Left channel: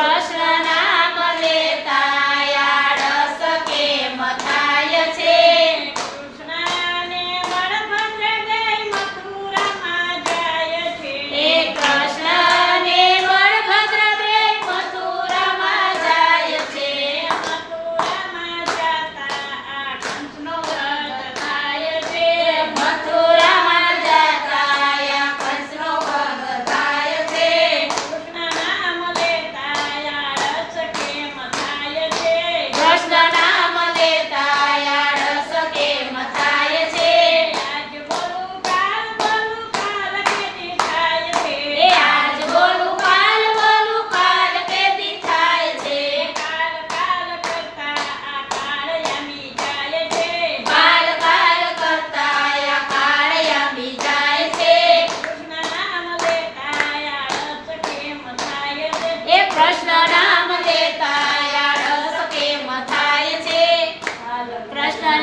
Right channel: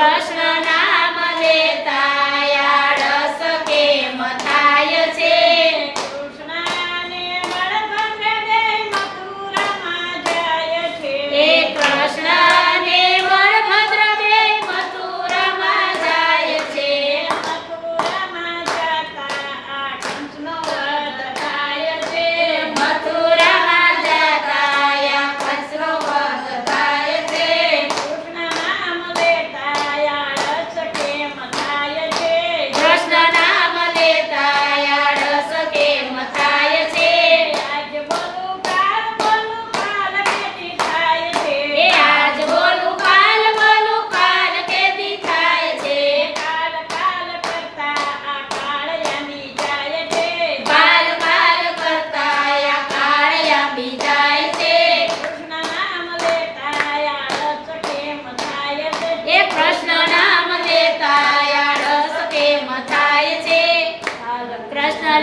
કૃષ્ણ નામ લેતા આળસ કેમ થાય છે? કૃષ્ણને બળભદ્ર જય મથુરામાં જાય છે. એ કૃષ્ણ ને બળભદ્ર બે મથુરામાં જાય છે. મથુરામાં જાતા આ કંસનો વધ થાય છે. મથુરામાં જતા આ કંસનો વધ થાય છે. કૃષ્ણ નામ લેતા આળસ કેમ થાય છે? કૃષ્ણ નામ લેતા આળસ કેમ થાય છે? આજ બોલું કાલ કેદી થાય છે? એ આજ બોલું કાલ કેદી થાય છે? કાલ કરતા આ કાળ યામી જાય છે. કાલ કરતા આ કાળ આંબી જાય છે. કૃષ્ણ નામ લેતા આળસ કેમ થાય છે? એ કૃષ્ણ નામ લેતા આળસ કેમ થાય છે? કૃષ્ણ